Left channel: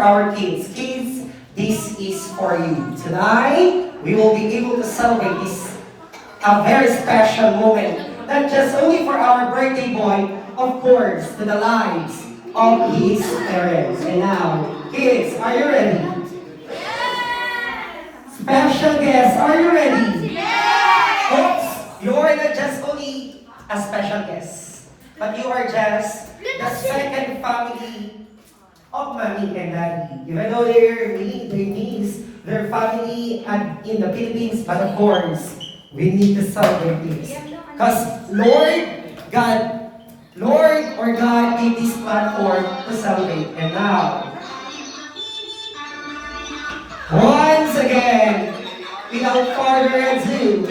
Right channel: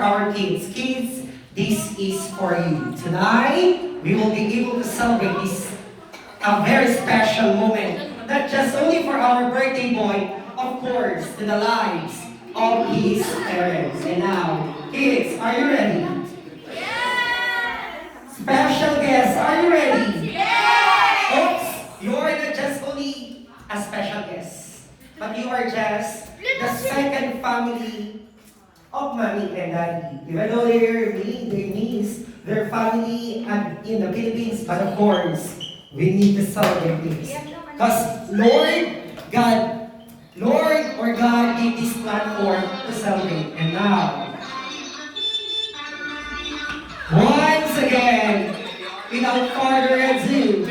our kids. Kids, this is for you. Tonight, we will be able to celebrate this a very special moment. Not just only for our birthday boy, of course, to the lives of his parents. And now, kids, are you ready? Special guests, are you ready? Oops, you're not just only a special guest, but you are just the second family of mommy and daddy. Even though they miss their family and in the Philippines, but of course, we need to celebrate this. Because Lord or God gave this platform to celebrate. And now, once again, without further ado,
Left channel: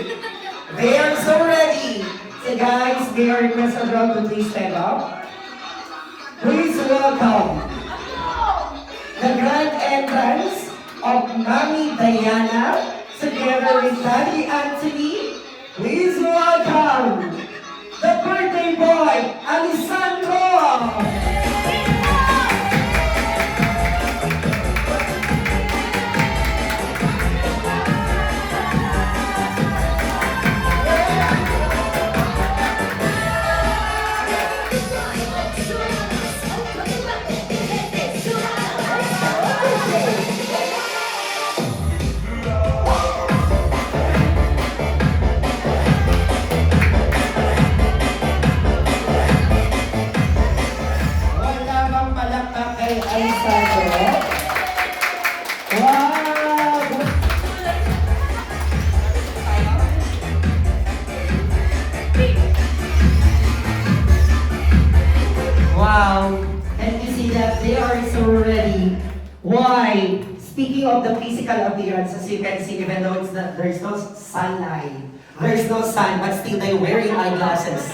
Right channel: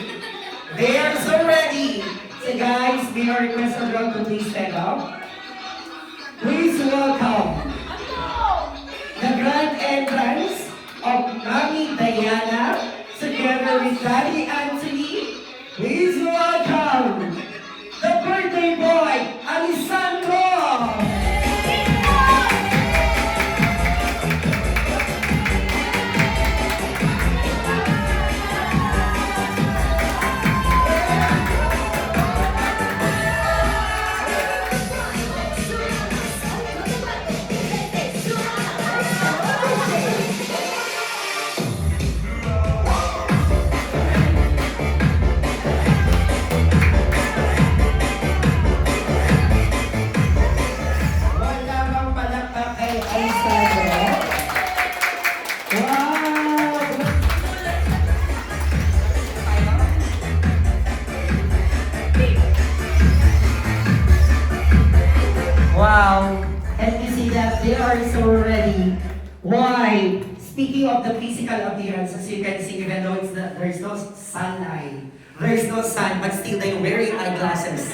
they are so ready. So guys, they are requested around to please stand up. Please welcome the grand entrance of Mami Diana together with Daddy Anthony. Please welcome the birthday boy, Alessandro! Wow, can you see that they are so ready? Why? Speaking of the physical appearance, as you can see, even though it's not, there's no sunlight, there's no sun, but still they're wearing eyeglasses.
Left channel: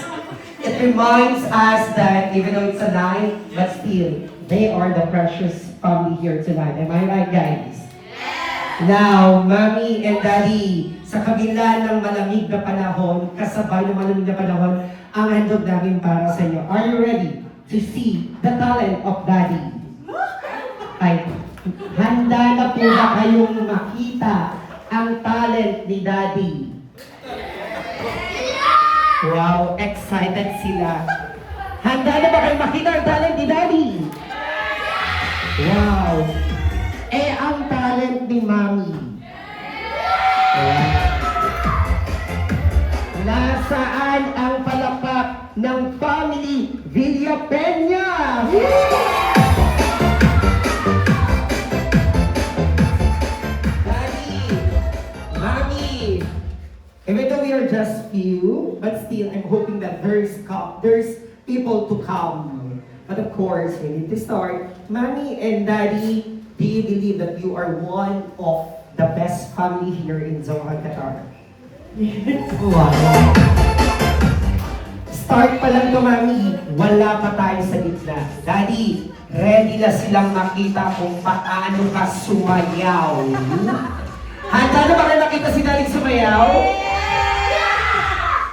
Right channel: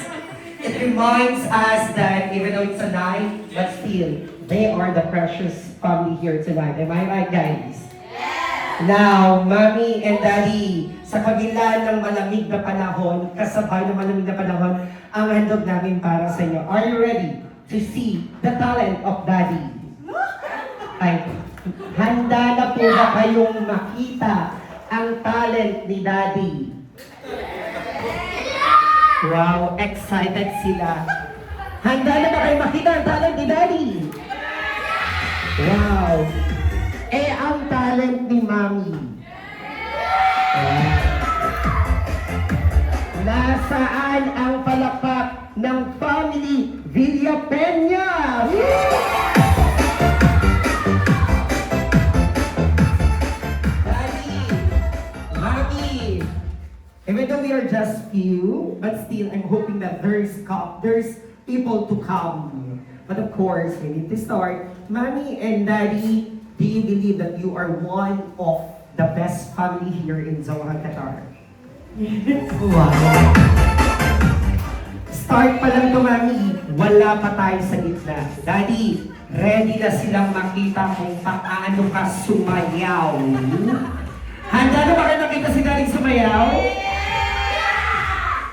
It reminds us that even though it's a night, but still, they are the precious family here tonight. Am I right, guys? Now, Mommy and Daddy, sa kabila ng malamig na panahon, kasabay ng malamig na panahon, ang handog namin para sa inyo. Are you ready to see the talent of Daddy? Ay, handa na po ba kayong makita ang talent ni Daddy? Wow, excited sila. Handa na ba kayong makita ang talent ni Daddy? Wow. Eh, ang talent ni Mami. Wow. Nasaan ang palakpak ng family Villapeña? Daddy, Mami, even though we are just few, but still I'm hoping that there's people to come. But of course, we need to start. Mommy and Daddy, do you believe that you are one of the best family here in Doha, Qatar? Wow. Start pa lang to, Mami. Wala pa tayo sa gitna. Daddy, ready na silang makita kung paano ka sumayaw. Handa na ba kayo nakita si Daddy sumayaw?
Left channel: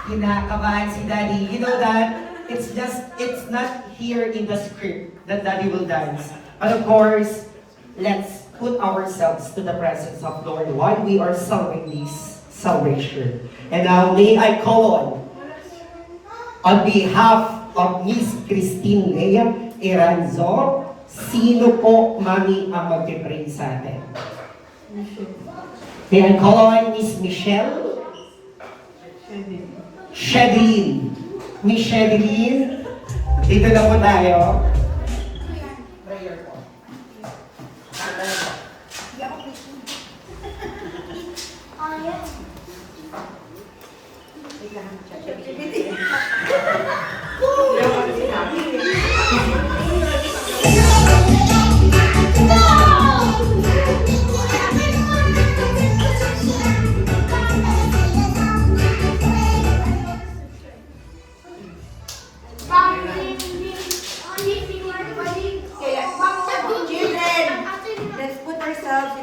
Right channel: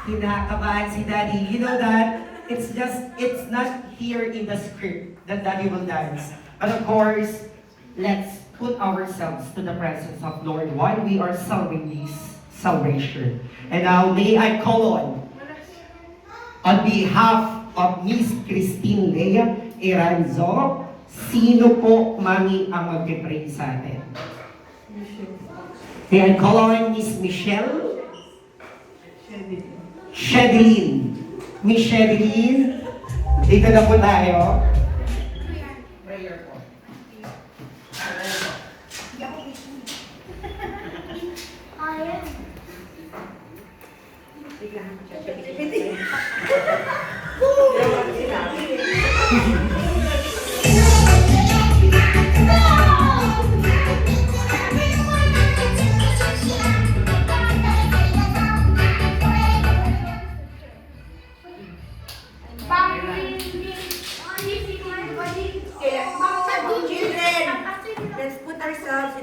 Kinakabahan si Daddy. You know that? It's not here in the script that Daddy will dance. But of course, let's put ourselves to the presence of Lord while we are celebrating this celebration. And now, may I call on behalf of Miss Christine Lea Iranzo, sino po, Mami, ang mag-pray sa atin? May I call on Miss Michelle? Shedelyn. Miss Shedelyn, dito na po tayo. Prayer po.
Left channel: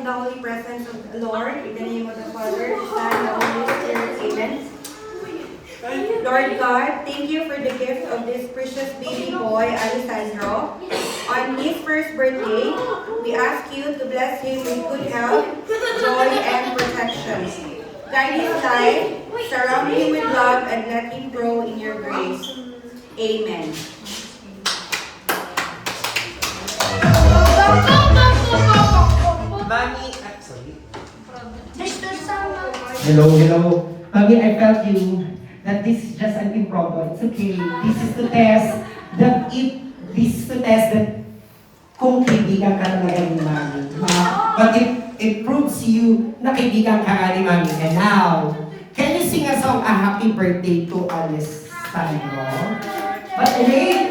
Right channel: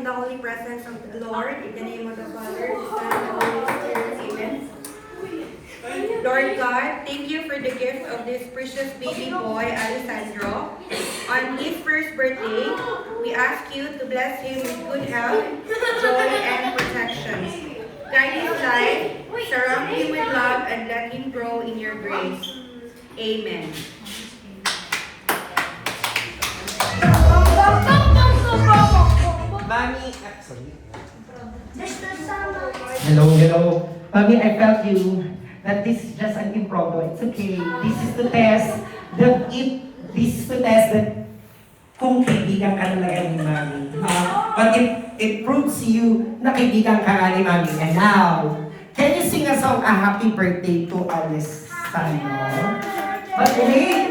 In the holy presence of the Lord, in the name of the Father, the Son, and the Holy Spirit, amen. Lord God, thank you for the gift of this precious baby boy, Alessandro. On his first birthday, we ask you to bless him with good health, joy, and protection. Guide his life, surround him with love, and let him grow in your grace. Amen. Mami, sorry. Hello. Mami, I felt you that this is just an impromptu. It's okay. This is to test that kung kaibigan ka talaga ni Mami. But it proves you na kaibigan ka ni Mami. And now, can you sing a song, a happy birthday to Alessandro? But anyway,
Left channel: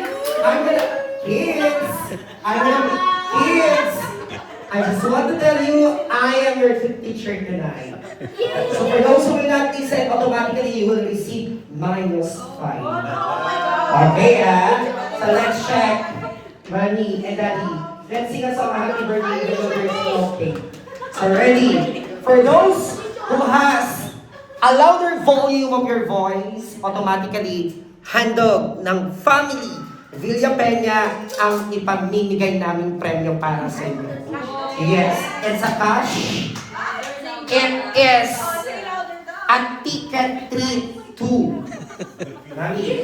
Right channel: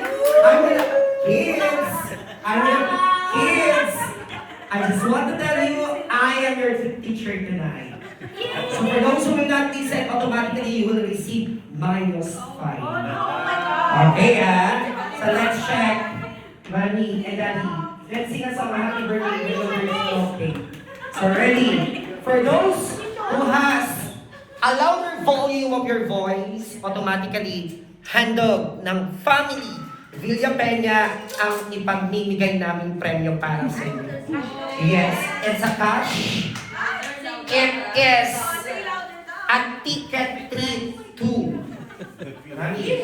kids, I just want to tell you, I am your teacher tonight. So for those who will not listen, automatically you will receive -5. Okay, so let's check. Mommy and Daddy, let's sing a song, happy birthday, okay. So ready? For those who has a louder volume of your voice, automatically handog ng family Villa Peña ang ipamimigay naming premyo para sa inyo. Yes, it's a cash. It is a ticket treat to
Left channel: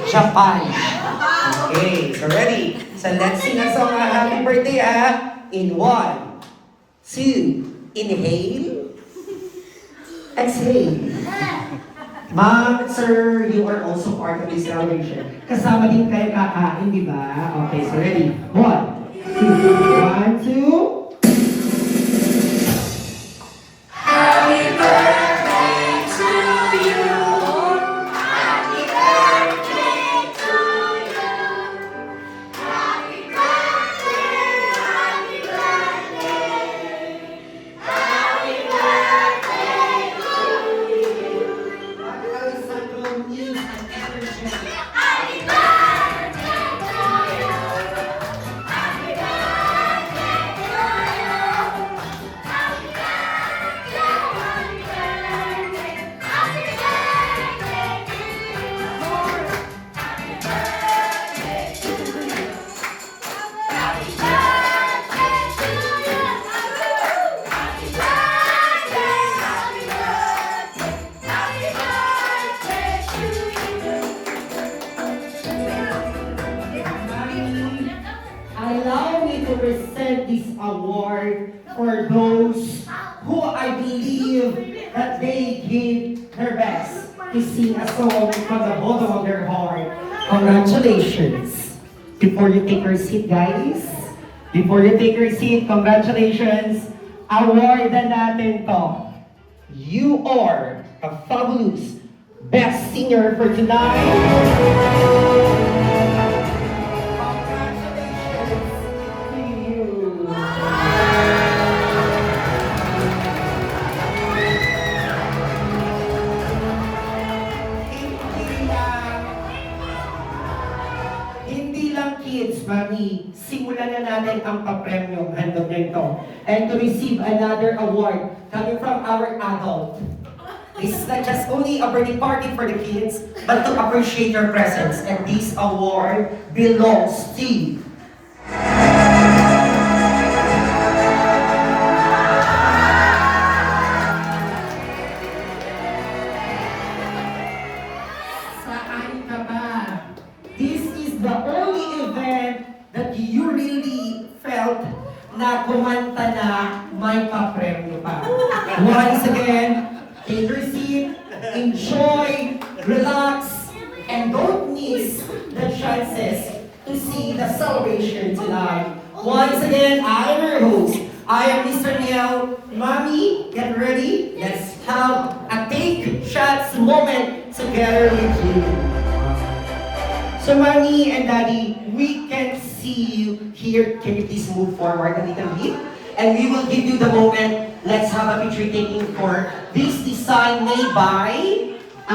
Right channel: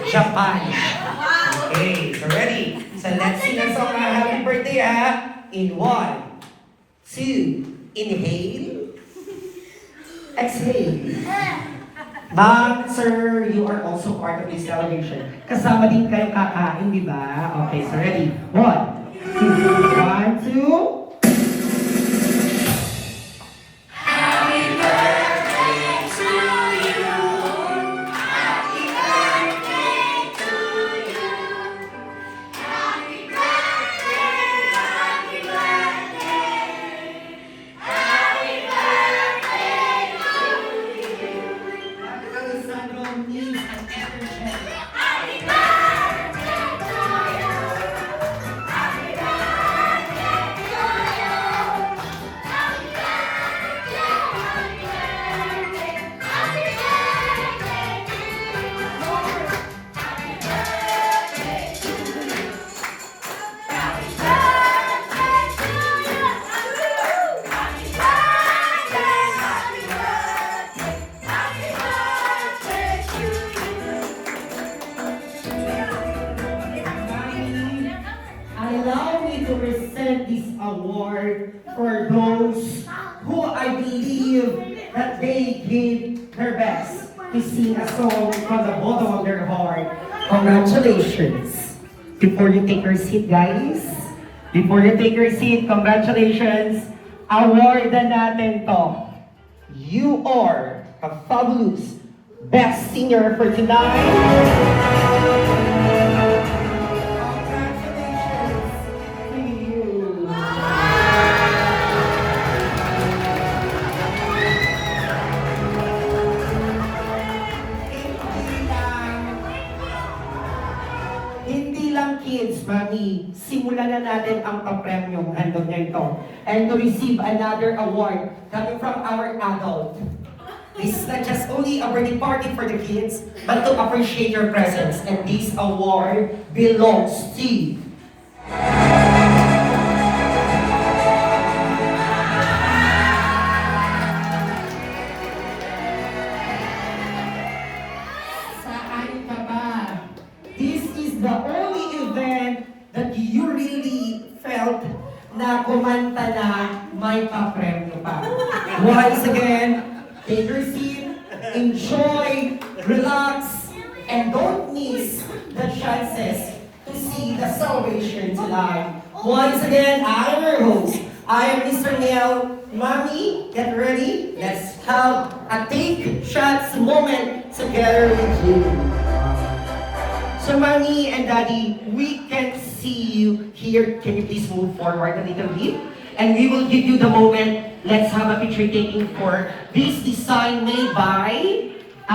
Japan. Okay, so ready? So let's sing a song, happy birthday, in 1, 2, inhale, exhale. Ma'am, sir, you are also part of this celebration. Kasama din kayo kakain, di ba? Okay, so ready? 1, 2, 1, 2. Allow me to present this award for those who I believe that they gave their best to sing a song from the bottom of their heart. Congratulations! Before you take your seat, guys, congratulations! Awardan natin to. You are a fabulous best singer for tonight. Kids, Mami, simulan na natin ang papremyong handog na ito. And to receive another award coming from our adult. This is not just only a birthday party for the kids, but to appreciate your presence. And this award belongs to saan ka ba? This is the only event that you really felt na kumanta na may papremyo pa. Once again, take your seat, enjoy, relax, and don't miss the chances to see the celebration tonight. Once again, I am your host. I am Mr. Neil. Mommy, get ready. Let's have a take shots moment together with you. So, Mommy and Daddy, we can see you here. Can you please move forward a little bit? And we will give you the moment. Let's have a picture taking for this design made by